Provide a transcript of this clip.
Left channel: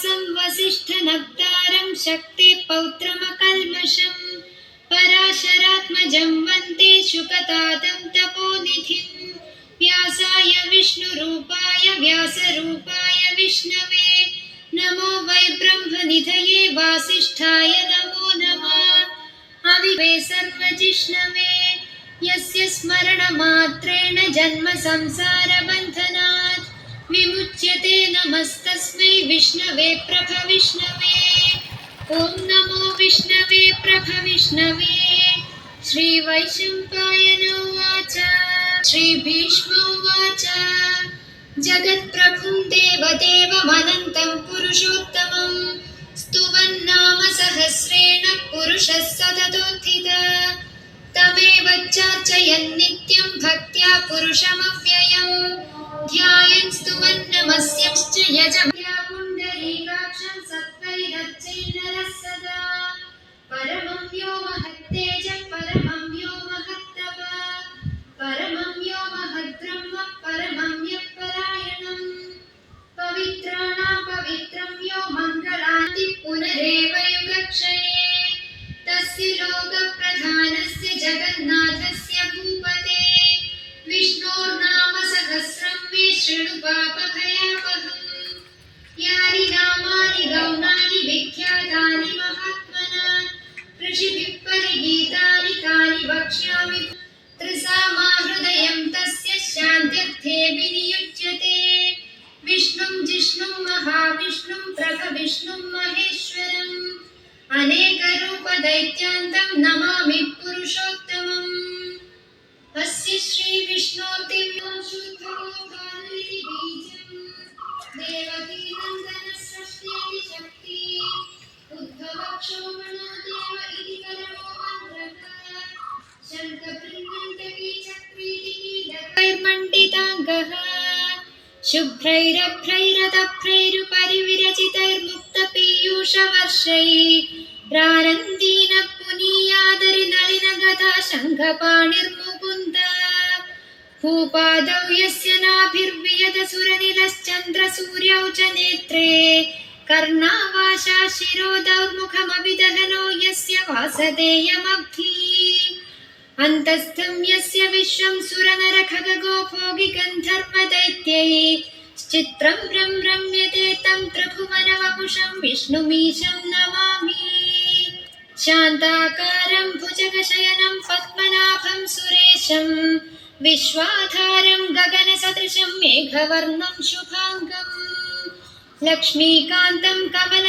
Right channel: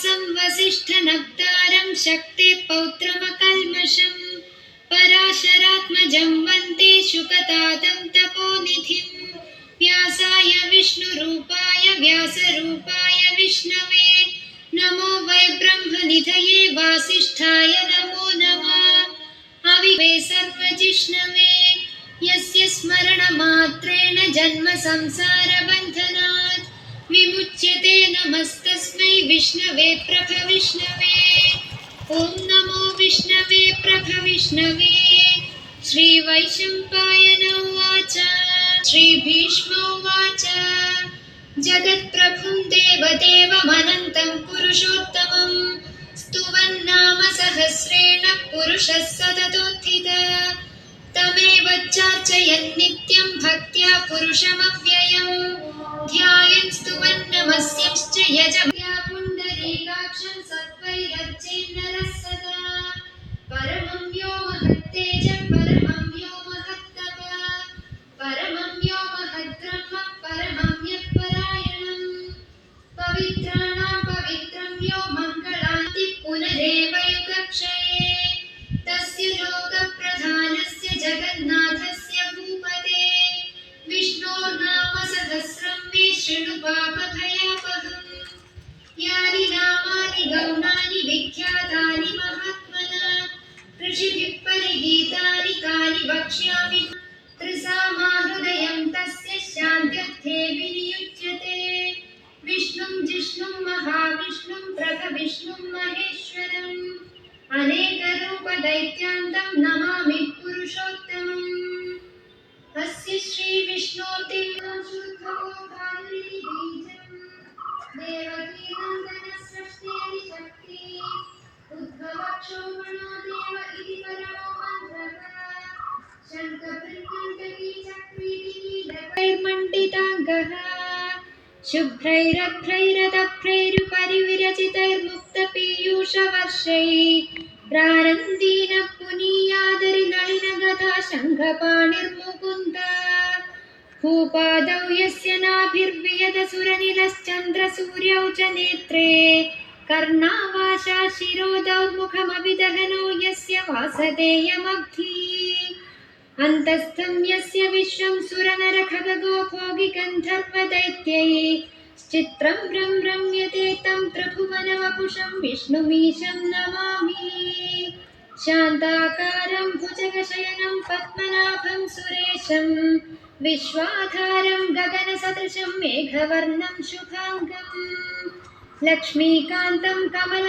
व्यासं वसिष्ठनप्तारं शक्तेः पौत्रमकल्मषं पराशरात्मजं वन्दे शुकतातं तपोनिधिं व्यासाय विष्णुरूपाय व्यासरूपाय विष्णवे नमो वै ब्रह्मनिधये वासिष्ठाय नमो नमः अविवे सर्वजिष्णवे यस्य स्मरणमात्रेण जन्म संसारबन्धनात् विमुच्यते नमस्तस्मै विष्णवे प्रभविष्णवे ॐ नमो विष्णवे प्रभविष्णवे श्रीवैशम्पायन उवाच श्रीभीष्मोवाच जगत्प्रभुं देवदेवमनन्तं पुरुषोत्तमं स्तुवन्नाम सहस्रेण पुरुषः सततोत्थितः तमेव चार्चयन् नित्यं भक्त्या पुरुषमव्ययं ध्यायन् स्तुवन् नमस्यंश्च यजत्या पुण्डरीकाक्षं सत्त्वैरर्चेन्नरः सदा परमं यो महत्तेजः परमं यो महत्तपः परमं यो महद्ब्रह्म परमं यत्परायणं पवित्राणां पवित्रं यो मङ्गलान्ति पुनरेव युगक्षये तस्य लोकप्रधानस्य जगन्नाथस्य भूपते विष्णोर्नाम सहस्रं मे शृणु पापभयापहम् यानि नामानि गौणानि विख्यातानि महात्मना ऋषिभिः परिगीतानि तानि वक्ष्यामि त्रिसामाहृदयं तस्य शान्त्यर्थे विनियुज्यते विष्णुं जिष्णुं महाविष्णुं प्रभविष्णुं महेश्वरम् अनेकरूपदैत्यान्तं नमामि पुरुषोत्तमम् अस्य श्रीविष्णोर्दिव्यं शुद्धोऽभानुरिति बीजं देवकीनन्दनसृष्टेति शक्ति उद्भवक्षोभणो देव इति परमो मन्त्रः शङ्खभृङ्गण्डकीचक्रीति कीलकैर्मण्डिताङ्गः शुभ्रैरभ्रैरतभ्रैरुपरिविरचितैर्मुक्तपीयूषवर्षैः प्रानन्दीन पुनीयादरिनलिनगता शङ्खपाणिर्मुकुन्द भूपादौ यस्य नाभिर्वियतसुरनिलश्चन्द्रसूर्यौ च नेत्रे कर्णावाशा शिरोदौर्मुखमभिदहनो यस्य वासदेयमब्धिः अन्तस्थं यस्य विश्वं सुरनरखगो भोगिगन्धर्वदैत्यैः चित्रं रम्यते तं त्रिभुवनवपुषं विष्णुमीशं नमामि शान्ताकारं भुजगशयनं पद्मनाभं सुरेशं विश्वाधारं गगनसदृशं मेघवर्णं शुभाङ्गं लक्ष्मीकान्तं कमल